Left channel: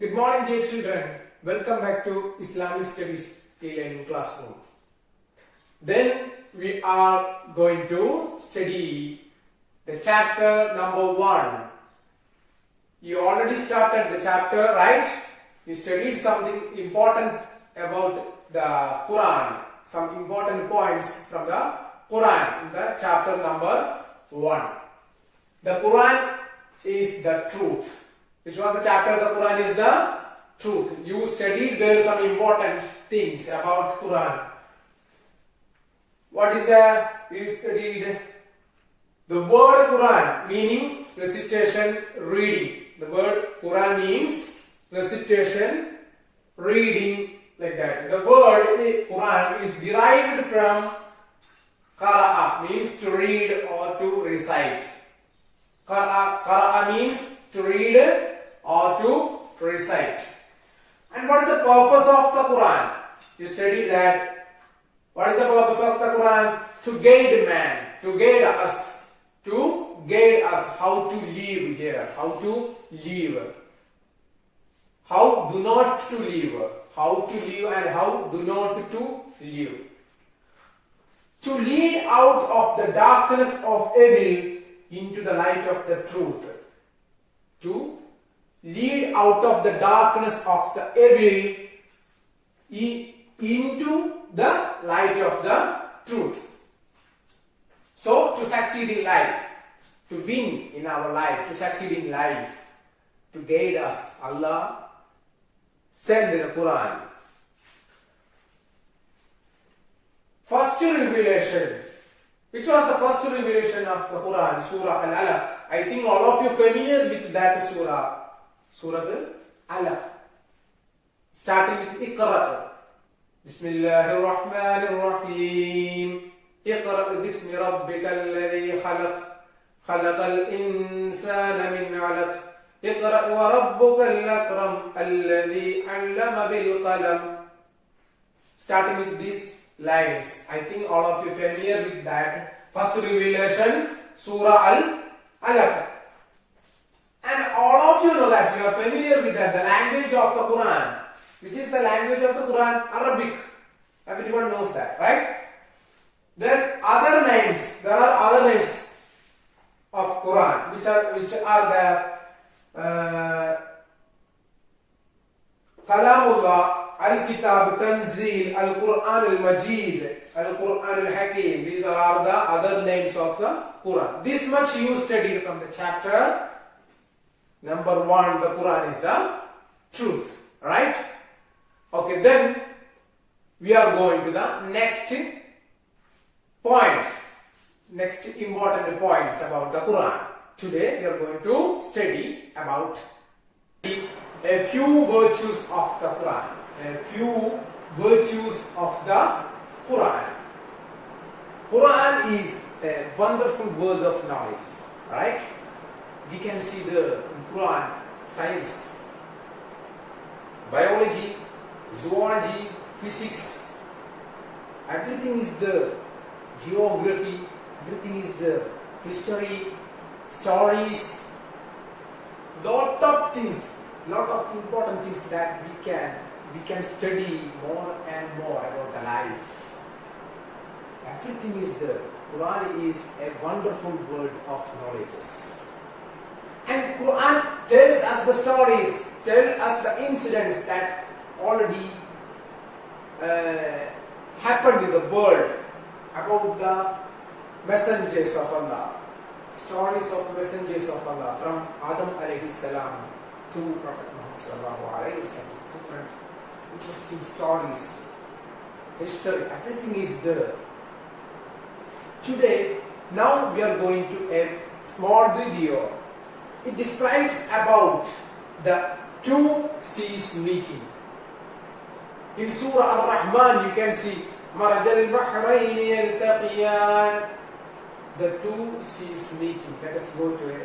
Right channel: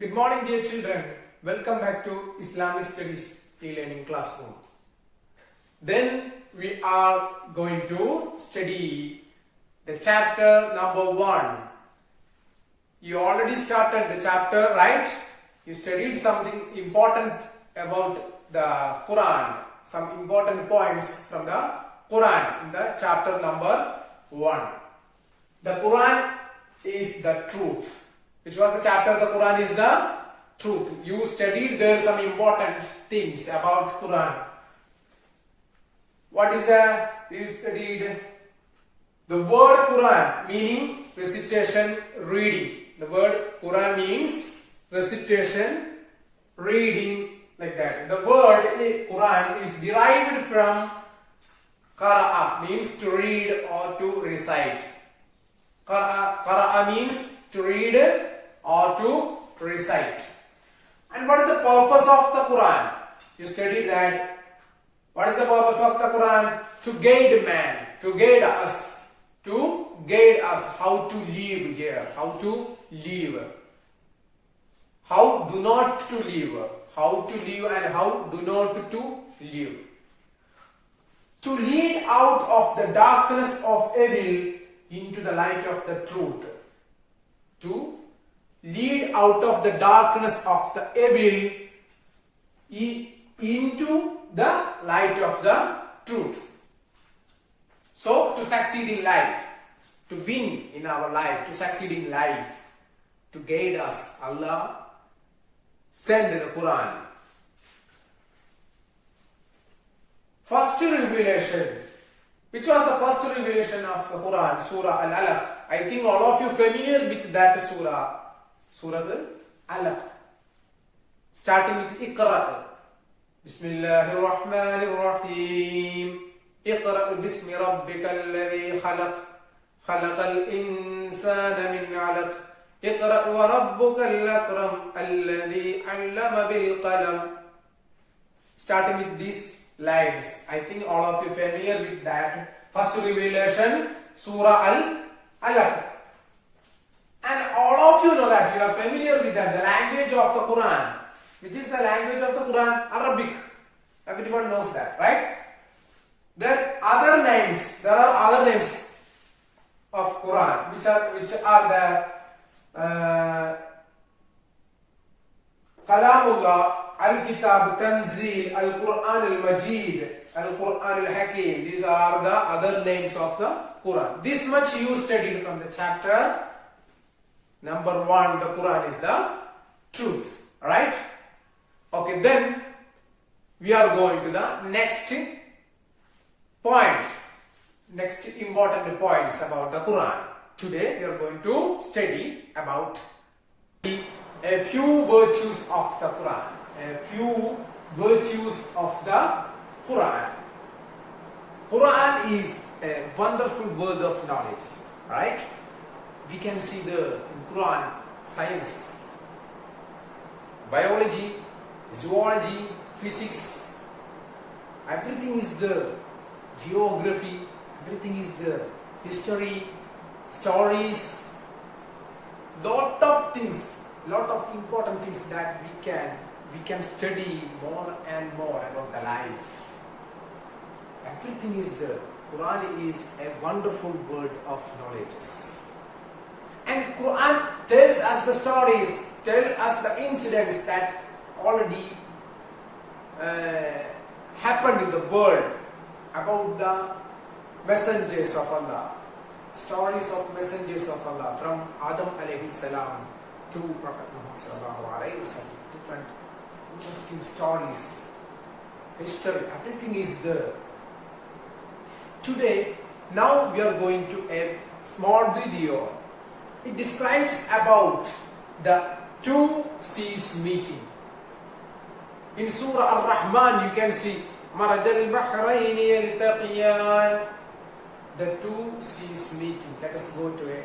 Good morning, dear children. Welcome back to Islamic Studies e-learning classroom. Then we are going to study the chapter number 1. You already started the chapter, right? You studied something important about the Quran, some important points from the Quran in the chapter number 1. The Quran is the truth. Which was the chapter? The Quran is the truth. You studied there some important things about Quran. What is the? You studied the word Quran meaning recitation, reading. The word Quran means recitation, reading, like that. The word Quran is derived from qara'a, means to read or to recite. Qara'a means to read or to recite. And what is the purpose of the Quran? You studied that. What is the purpose of the Quran? To guide man, to guide us how to live here, how to live, how do not to live, how to live and how do not to live. To lead out of the darkness of evil into the light of the truth. To lead out of the darkness of the evil into the light of the truth. So, to succeed in life, to win in our life, to succeed in life, to guide us, Allah sent the Quran. First revelation. Which was the first revelation of the Quran? Surah Al-Alaq. I think all of you familiar with that surah. Surah Al-Alaq. Starting with Iqra. Bismillahirrahmanirrahim. Iqra bismi rabbika alladhi khalaq. Khalaqal insana min 'alaq. Iqra wa rabbuka al-akram alladhi 'allama bil qalam. Starting with these lines. I think all of you familiar with that. First revelation, Surah Al-Alaq. And all of you know that, you are familiar with that, the language of the Quran. Which is the language of the Quran? Arabic. Everyone knows that, right? There are other names of Quran, which are the Kalamullah, Al-Kitab, Tanzil, Al-Quran Al-Majid, Al-Quran Al-Hakim. These are the other names of the Quran. This much you studied from the chapter number 1. The Quran is the truth. Right? Okay, then we are going to the next point. Next important points about the Quran. Today we are going to study about a few virtues of the Quran. A few virtues of the Quran. Quran is a wonderful word of knowledge, right? We can see the Quran, science, biology, zoology, physics, everything is the geography, everything is the history, stories, lot of things, lot of important things that we can study more and more about the life. Everything is there. Quran is a wonderful word of knowledge. And Quran tells us the stories, tells us the incidents that already happened in the world about the messengers of Allah. Stories of messengers of Allah from Adam alayhi salam to Prophet Muhammad sallallahu alayhi wasallam. Different interesting stories, history, everything is there. Today, now we are going to a small video. It describes about the two seas meeting. In Surah Ar-Rahman you can see Marajal Bahrayni Yaltaqiyan. The two seas meeting. Let us go to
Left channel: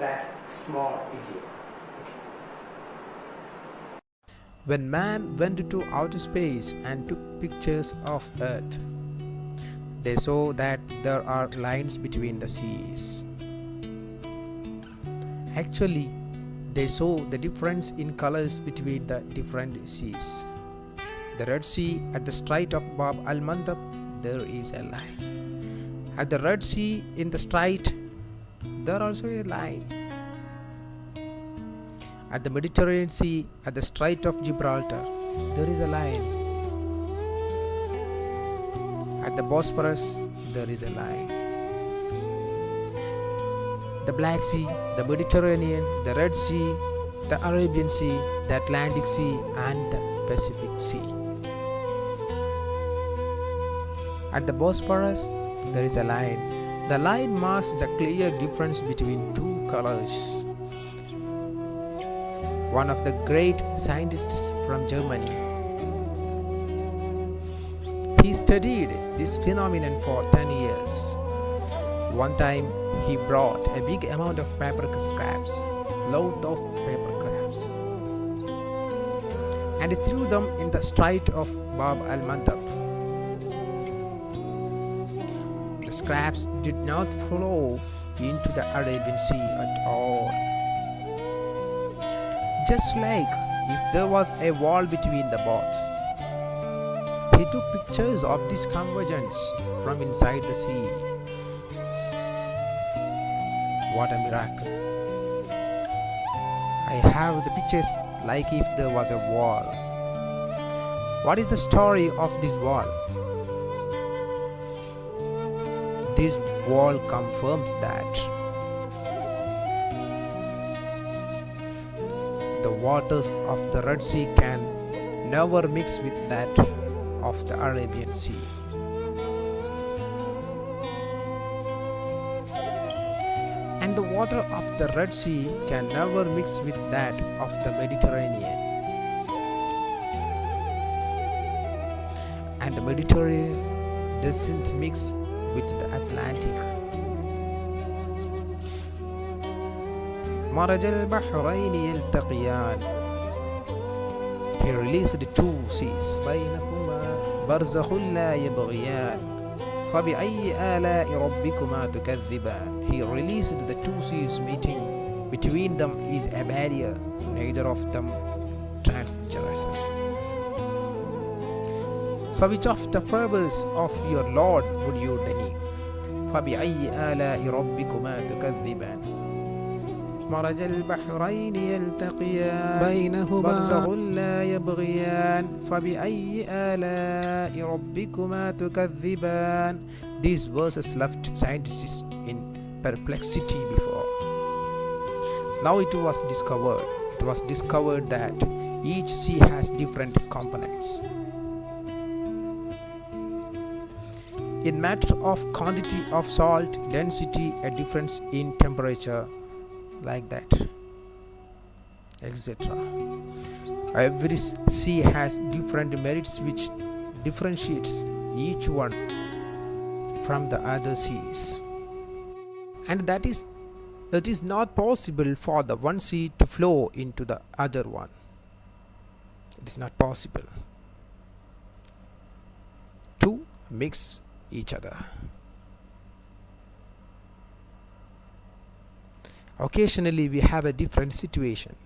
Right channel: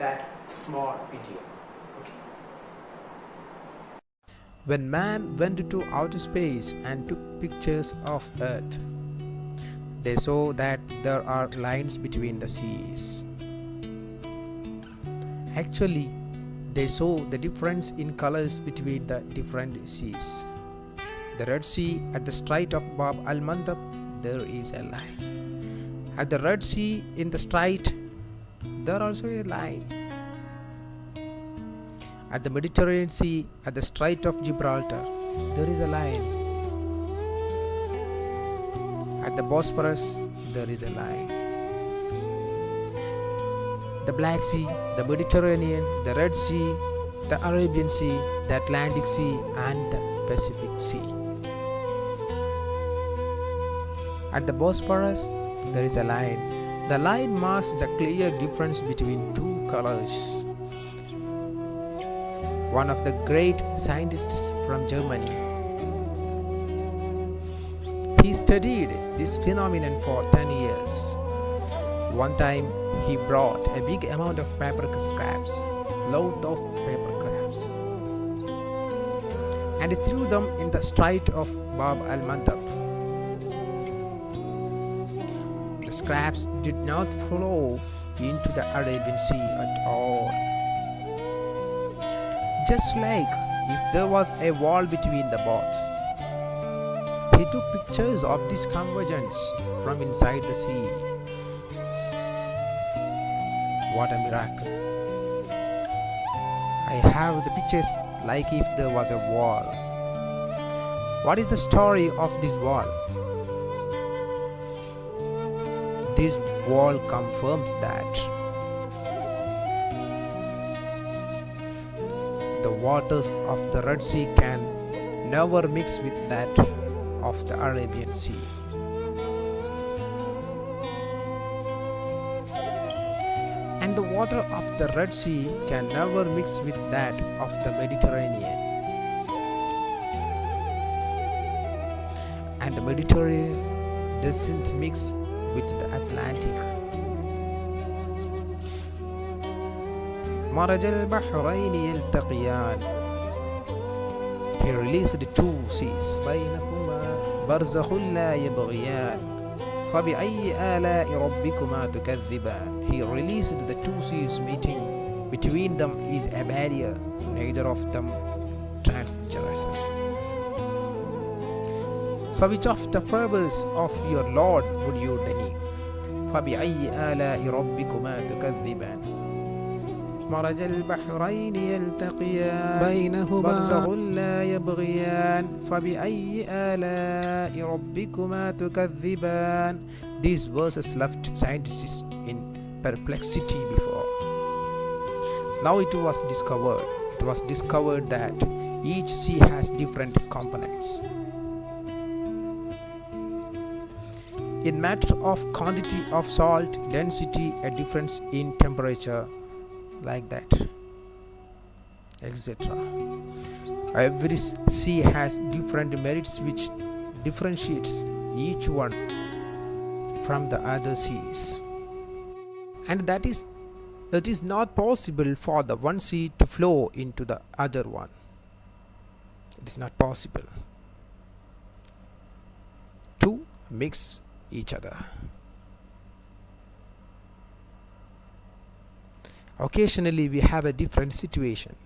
that small video. When man went to outer space and took pictures of Earth, they saw that there are lines between the seas. Actually, they saw the difference in colors between the different seas. The Red Sea at the Strait of Bab al-Mandab, there is a line. At the Red Sea in the Strait, there also a line. At the Mediterranean Sea at the Strait of Gibraltar, there is a line. At the Bosphorus, there is a line. The Black Sea, the Mediterranean, the Red Sea, the Arabian Sea, the Atlantic Sea, and the Pacific Sea. At the Bosphorus, there is a line. The line marks the clear difference between two colors. One of the great scientists from Germany, he studied this phenomenon for 10 years. One time, he brought a big amount of paper scraps, load of paper scraps, and threw them in the Strait of Bab al-Mandab. The scraps did not flow into the Arabian Sea at all. Just like if there was a wall between the boats. He took pictures of this convergence from inside the sea. What a miracle! I have the pictures like if there was a wall. What is the story of this wall? This wall confirms that the waters of the Red Sea can never mix with that of the Arabian Sea. And the water of the Red Sea can never mix with that of the Mediterranean. And the Mediterranean doesn't mix with the Atlantic. مرج البحرين يلتقيان. He released the two seas بينهما برزخ لا يبغيان فبأي آلاء ربكما تكذبان. He released the two seas meeting. Between them is a barrier, neither of them transgresses. So which of the favors of your Lord would you deny? فبأي آلاء ربكما تكذبان. مرج البحرين يلتقيان بينهما برزخ لا يبغيان فبأي آلاء ربكما تكذبان. These verses left scientists in perplexity before. Now it was discovered that each sea has different components. In matter of quantity of salt, density, a difference in temperature, like that, etc. Every sea has different merits which differentiates each one from the other seas, and that is not possible for the one sea to flow into the other one. It is not possible to mix each other. Occasionally we have a different situation.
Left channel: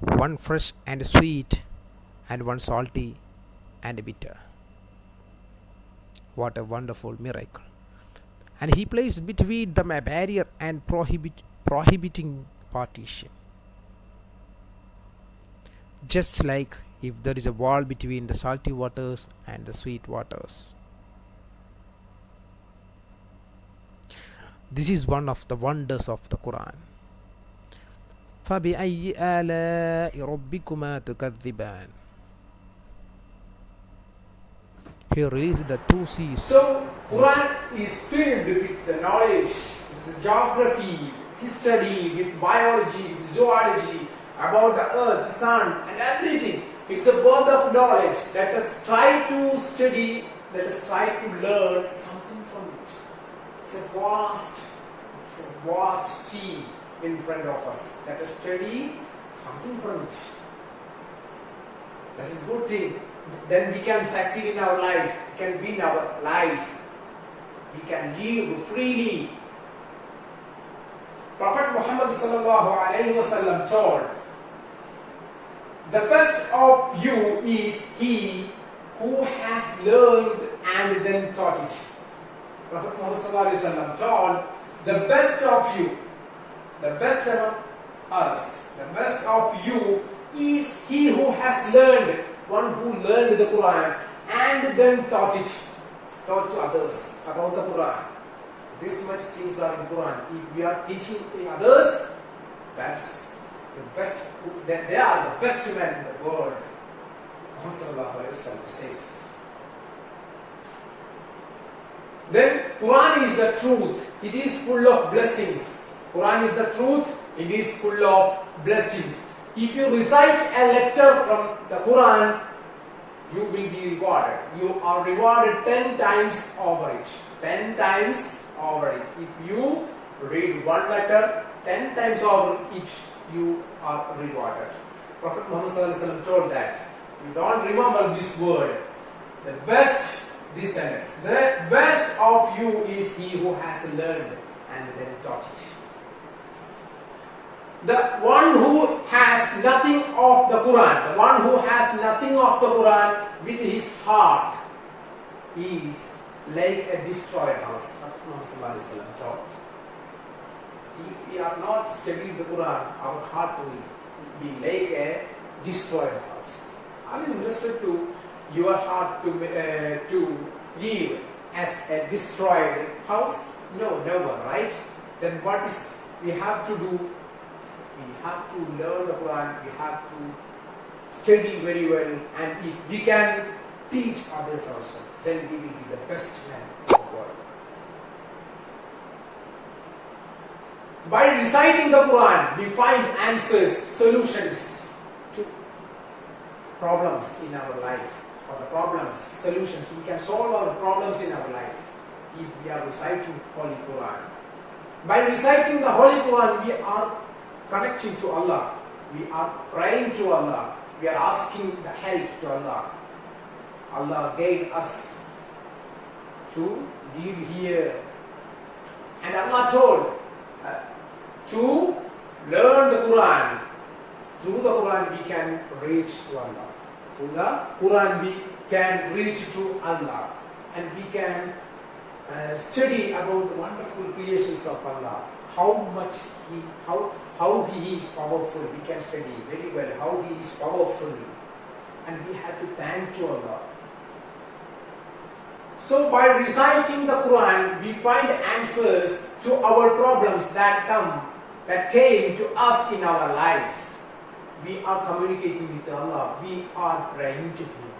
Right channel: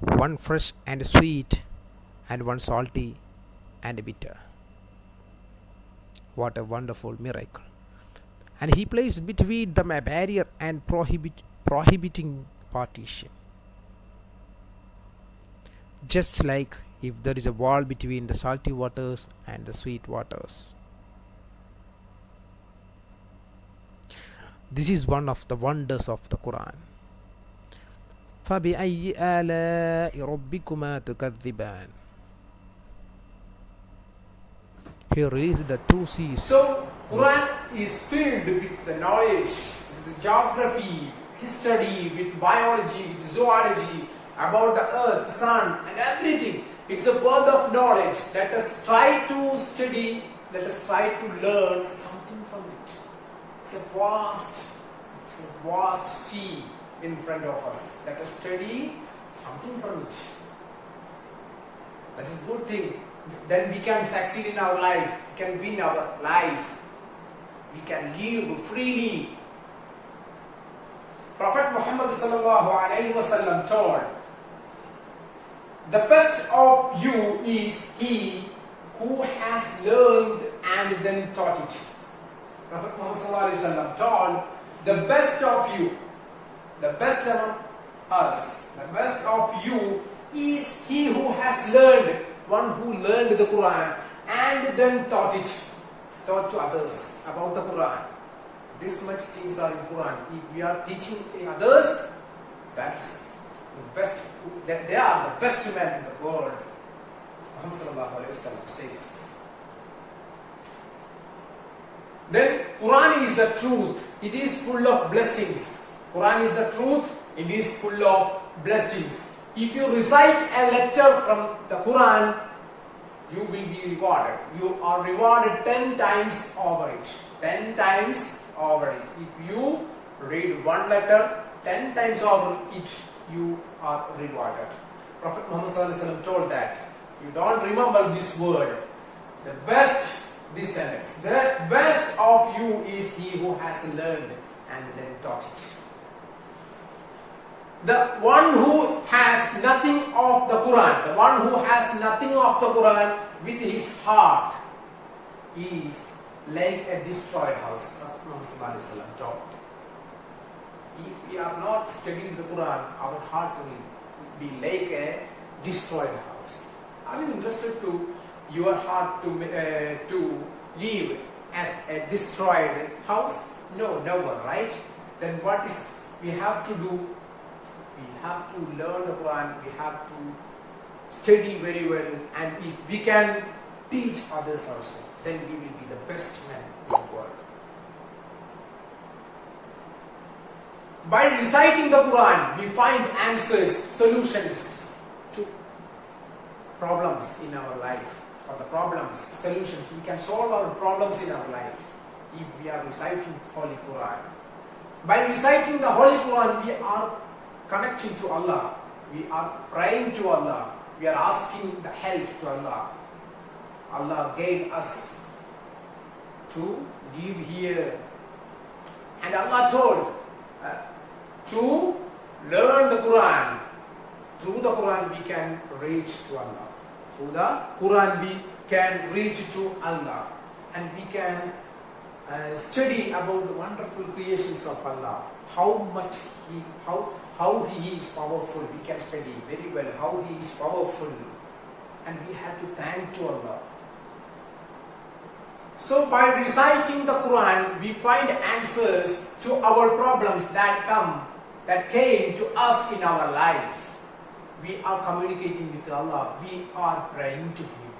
One fresh and sweet, and one salty and bitter. What a wonderful miracle. And he placed between them a barrier and prohibiting partition. Just like if there is a wall between the salty waters and the sweet waters. This is one of the wonders of the Quran. فَبِأَيِّ آلَاءِ رَبِّكُمَا تُكَذِّبَانِ. He released the two seas. So, Quran is filled with the knowledge, with the geography, history, with biology, with zoology, about the earth, sun, and everything. It's a world of knowledge. Let us try to study, let us try to learn something from it. It's a vast sea in front of us. Let us study something from it. That is a good thing. Then we can succeed in our life. We can win our life. We can live freely. Prophet Muhammad sallallahu alaihi wasallam told, the best of you is he who has learned and then taught it. Prophet Muhammad sallallahu alaihi wasallam told, the best of you, the best among us, the best of you is he who has learned, one who learned the Quran and then taught to others about the Quran. This much things are in Quran. If we are teaching others, that's the best. That they are the best men in the world. Muhammad sallallahu alaihi wasallam says this. Then Quran is the truth. It is full of blessings. Quran is the truth. It is full of blessings. If you recite a letter from the Quran, you will be rewarded. You are rewarded 10 times over it. 10 times over it. If you read one letter 10 times over it, you are rewarded. Prophet Muhammad sallallahu alaihi wasallam told that. You don't remember this word. The best, this sentence. The best of you is he who has learned and then taught it. The one who has nothing of the Quran, the one who has nothing of the Quran with his heart is like a destroyed house. Muhammad told. If we are not studying the Quran, our heart will be like a destroyed house. Are you interested to your heart to live as a destroyed house? No, never, right? Then what is we have to do? We have to learn the Quran, we have to study very well, and if we can teach others also, then we will be the best man in the world. By reciting the Quran, we find answers, solutions to problems in our life. For the problems, solutions, we can solve our problems in our life if we are reciting Holy Quran. By reciting the Holy Quran, we are connecting to Allah, we are praying to Allah, we are asking the help to Allah. Allah gave us to live here, and Allah told to learn the Quran. Through the Quran we can reach to Allah. Through the Quran we can reach to Allah, and we can study about the wonderful creations of Allah. How He is powerful. We can study very well how He is powerful, and we have to thank to Allah. So by reciting the Quran, we find answers to our problems that came to us in our life. We are communicating with Allah. We are praying to Him.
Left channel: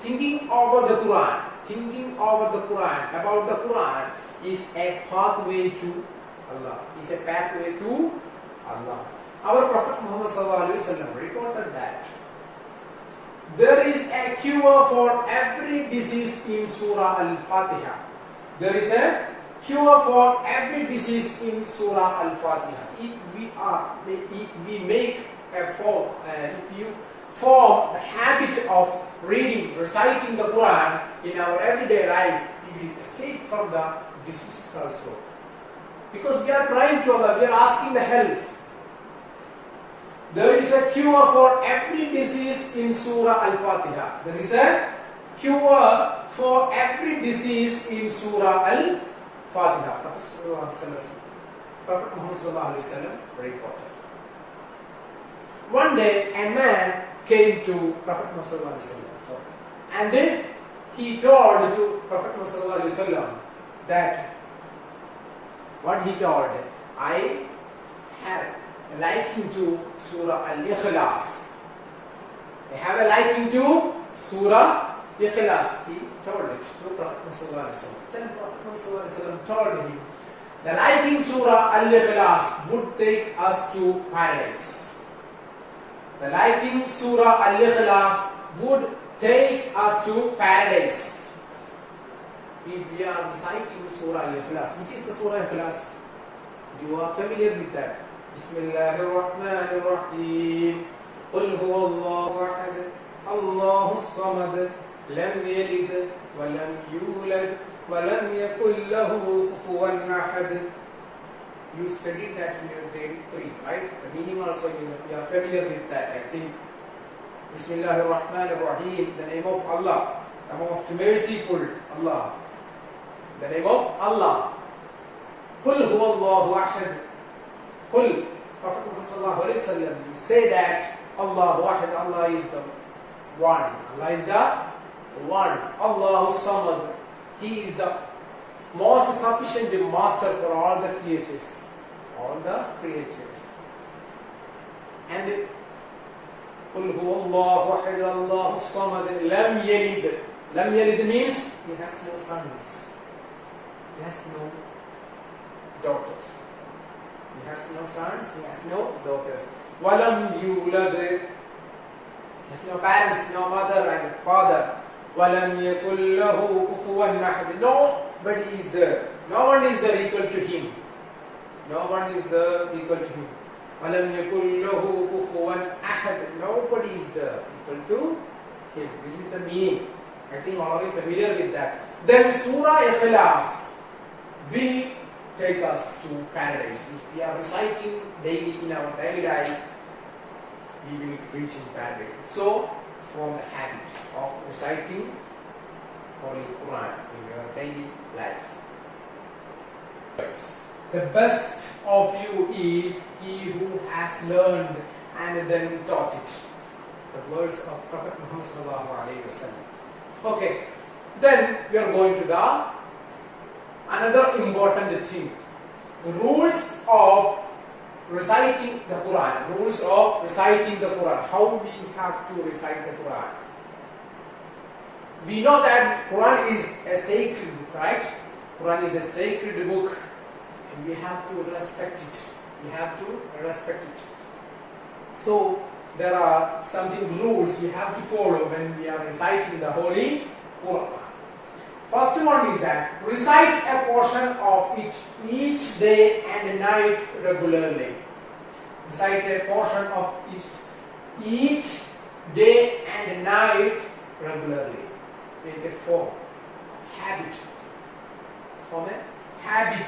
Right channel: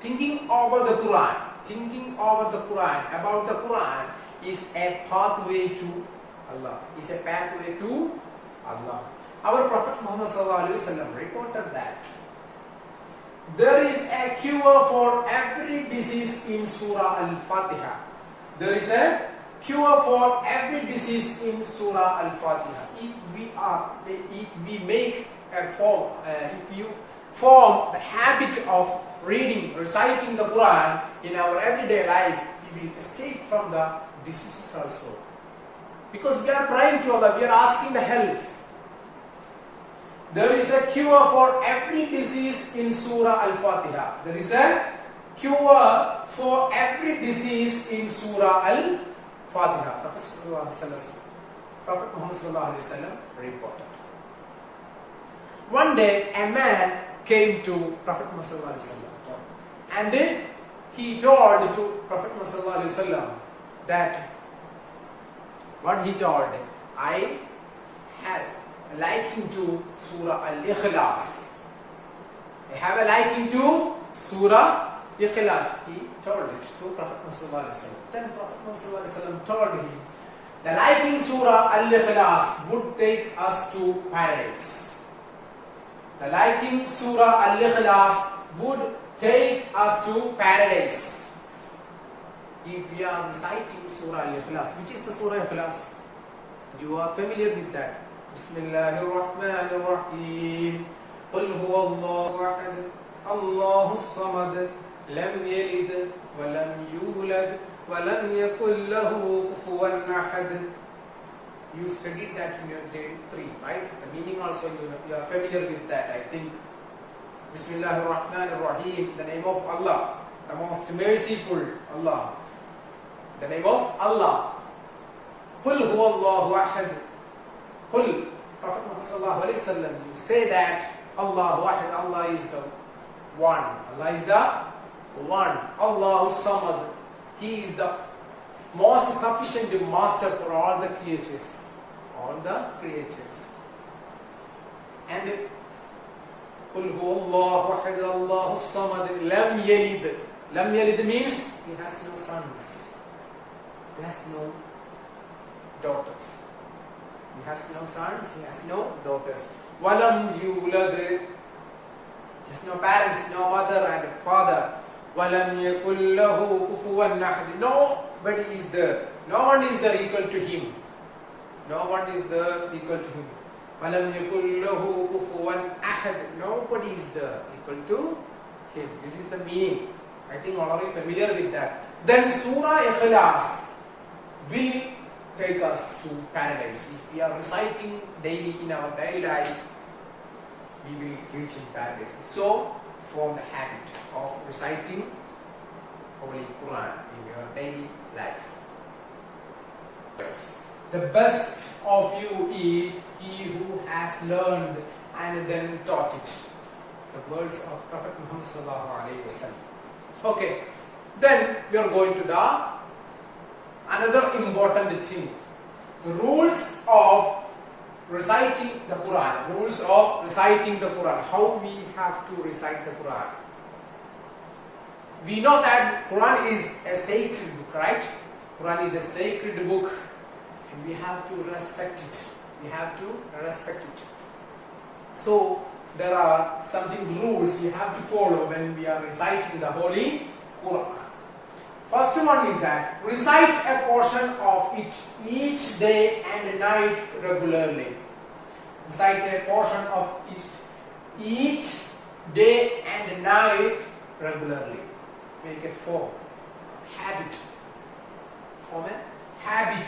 Thinking over the Quran, about the Quran is a pathway to Allah. Is a pathway to Allah. Our Prophet Muhammad sallallahu alaihi wasallam reported that there is a cure for every disease in Surah Al-Fatiha. There is a cure for every disease in Surah Al-Fatiha. If you form the habit of reading, reciting the Quran in our everyday life, we will escape from the diseases also. Because we are praying to Allah, we are asking the help. There is a cure for every disease in Surah Al-Fatiha. There is a cure for every disease in Surah Al-Fatiha. Prophet Muhammad sallallahu alaihi wasallam reported. One day a man came to Prophet Muhammad sallallahu alaihi wasallam, and then he told to Prophet Muhammad sallallahu alaihi wasallam that what he told, I have a liking to Surah Al-Ikhlas. I have a liking to Surah Ikhlas. He told it to Prophet Muhammad sallallahu alaihi wasallam. Then Prophet Muhammad sallallahu alaihi wasallam told him, the liking Surah Al-Ikhlas would take us to paradise. The liking Surah Al-Ikhlas would take us to paradise. If we are reciting Surah Al-Ikhlas, which is the Surah Al-Ikhlas? You are familiar with that. Bismillahirrahmanirrahim. Qul huwa Allahu ahad, Allahu samad, lam yalid wa lam yulad wa lam yakul lahu kufuwan ahad. You studied that in your grade 3, right? The meaning also you are familiar with that, I think. Bismillahir Rahmanir Rahim, the name of Allah, the most merciful Allah. The name of Allah. Qul huwallahu ahad. Qul, Prophet Muhammad sallallahu alayhi wa sallam, you say that Allahu ahad, Allah is the one. Allah is the one. Allahu samad. He is the most sufficient master for all the creatures. All the creatures. And Qul huwallahu ahad, Allahu samad, lam yalid. Lam yalid means he has no sons. He has no daughters. He has no sons, he has no daughters. Walam yulad. He has no parents, no mother and father. Walam yakul lahu kufuwan ahad. Nobody is there. No one is there equal to him. No one is there equal to him. Walam yakul lahu kufuwan ahad. Nobody is there equal to him. This is the meaning. I think all of you are familiar with that. Then Surah Ikhlas will take us to paradise. If we are reciting daily in our daily life, we will reach in paradise. So, form the habit of reciting Holy Quran in your daily life. The best of you is he who has learned and then taught it. The words of Prophet Muhammad sallallahu alaihi wasallam. Okay, then we are going to the another important thing, the rules of reciting the Quran. Rules of reciting the Quran. How we have to recite the Quran. We know that Quran is a sacred book, right? Quran is a sacred book, and we have to respect it. We have to respect it. So there are something rules we have to follow when we are reciting the Holy Quran. First one is that recite a portion of it each day and night regularly. Recite a portion of it each day and night regularly. Make a form of habit. Form a habit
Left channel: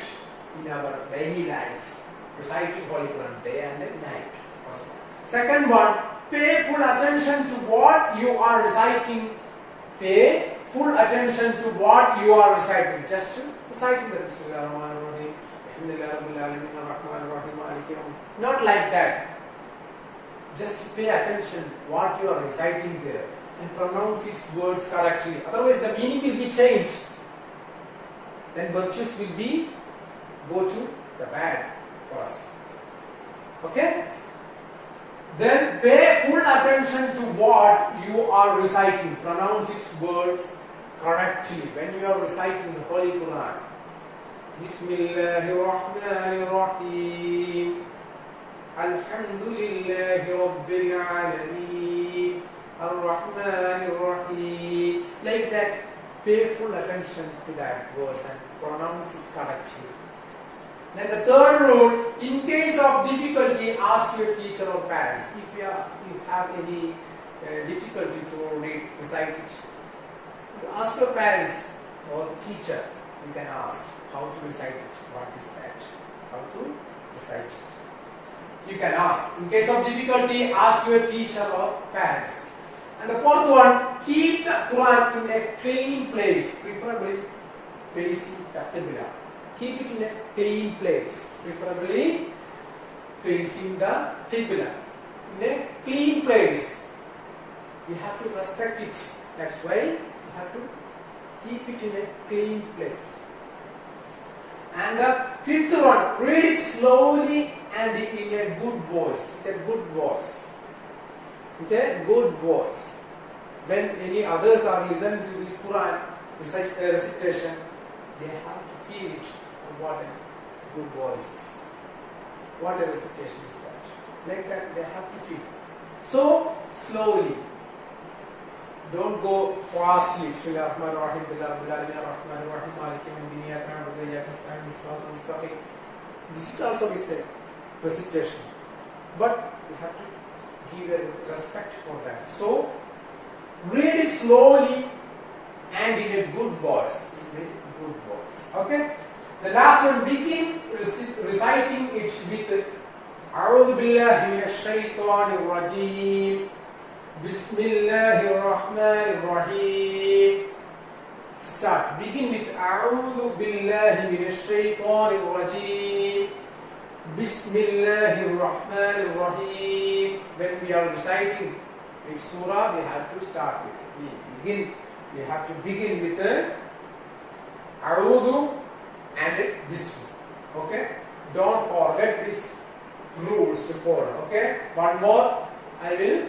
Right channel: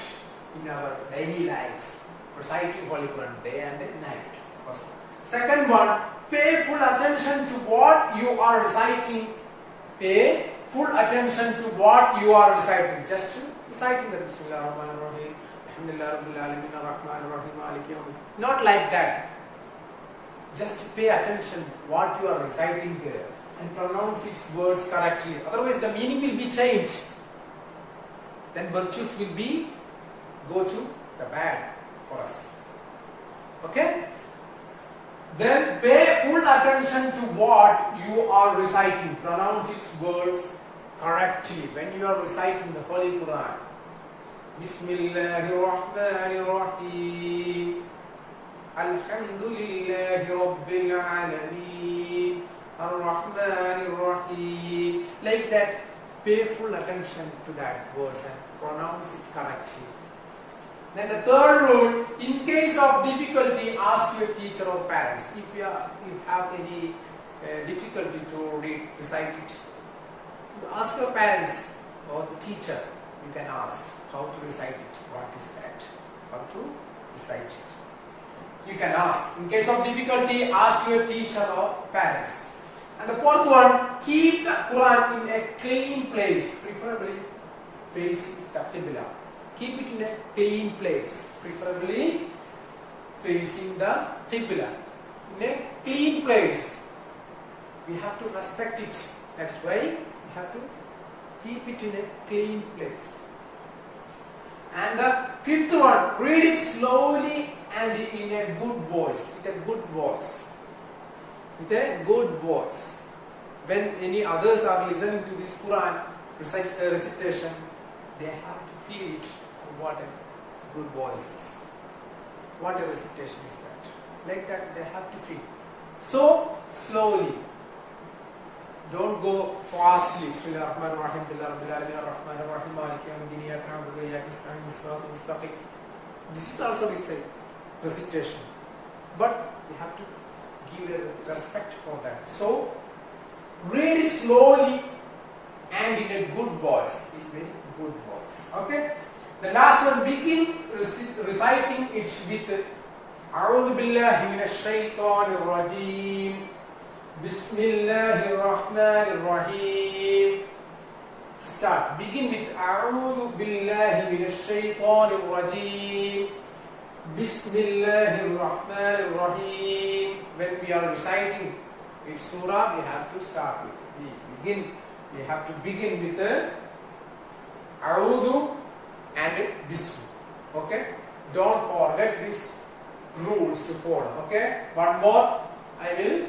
in our daily life. Reciting Holy Quran day and night. Second one, pay full attention to what you are reciting. Pay full attention to what you are reciting. Just reciting the Bismillahirrahmanirrahim, Alhamdulillah Rabbil Alamin, Ar-Rahmanir-Rahim, Maliki Yawmiddin. Not like that. Just pay attention what you are reciting there and pronounce its words correctly. Otherwise the meaning will be changed. Then virtues will be go to the bad for us. Okay? Then pay full attention to what you are reciting. Pronounce its words correctly when you are reciting the Holy Quran. Bismillahirrahmanirrahim. Alhamdulillahi Rabbil Alameen. Ar-Rahmanir-Rahim. Like that, pay full attention to that verse and pronounce it correctly. Then the third rule, in case of difficulty, ask your teacher or parents. If you have any difficulty to recite it, you ask your parents or the teacher. You can ask how to recite it. What is that? How to recite it? You can ask. In case of difficulty, ask your teacher or parents. And the fourth one, keep the Quran in a clean place, preferably facing the Qibla. Keep it in a clean place, preferably facing the Qibla. In a clean place. We have to respect it. That's why we have to keep it in a clean place. And the fifth one, read it slowly and in a good voice. With a good voice. With a good voice. When any others are listening to this Quran recitation, they have to feel it. What a good voice is. What a recitation is that. Like that they have to feel. So slowly. Don't go fastly. Bismillahirrahmanirrahim. Ar-Rahmanir-Rahim. Maliki Yawmiddin. Iyyaka na'budu wa iyyaka nasta'in. Siratal mustaqim. This is also a recitation. But we have to give a respect for that. So read it slowly and in a good voice. In a good voice. Okay? The last one, begin reciting it with أعوذ بالله من الشيطان الرجيم بسم الله الرحمن الرحيم. Start. Begin with أعوذ بالله من الشيطان الرجيم بسم الله الرحمن الرحيم. When we are reciting in surah, we have to start with it. We have to begin with the أعوذ and Bism. Okay? Don't forget these rules to follow. Okay? One more. I will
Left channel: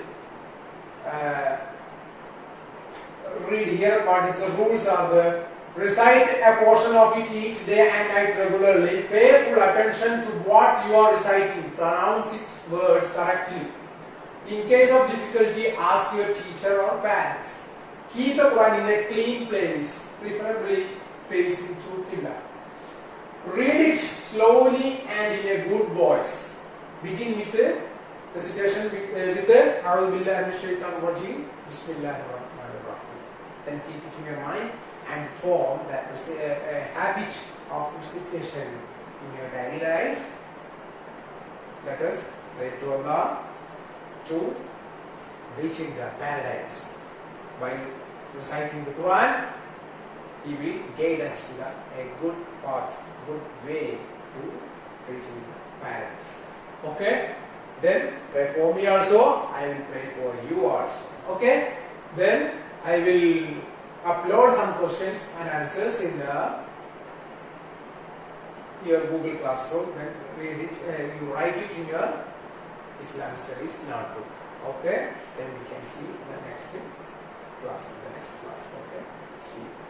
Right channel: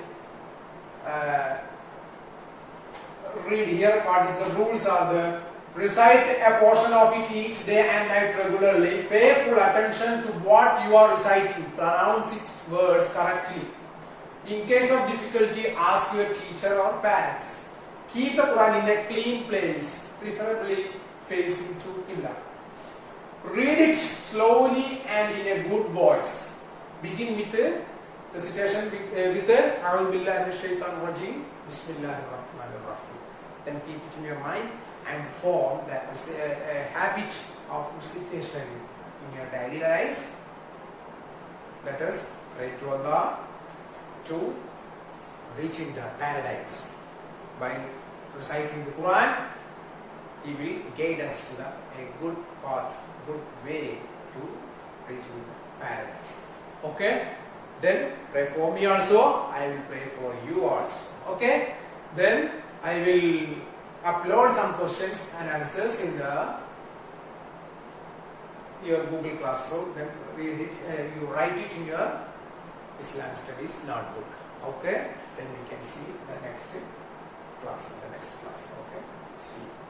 read here what is the rules are the recite a portion of it each day and night regularly. Pay full attention to what you are reciting. Pronounce its words correctly. In case of difficulty, ask your teacher or parents. Keep the Quran in a clean place, preferably facing to Qibla. Read it slowly and in a good voice. Begin with the recitation with the A'udhu billahi minash shaitanir rajim. Bismillahir rahmanir rahim. Then keep it in your mind and form that a habit of recitation in your daily life. Let us pray to Allah to reaching the paradise. By reciting the Quran, He will guide us to a good path, good way to reaching the paradise. Okay? Then pray for me also, I will pray for you also. Okay? Then I will upload some questions and answers in your Google Classroom. Then read it, you write it in your Islam Studies notebook. Okay? Then we can see the next class. Okay? See you.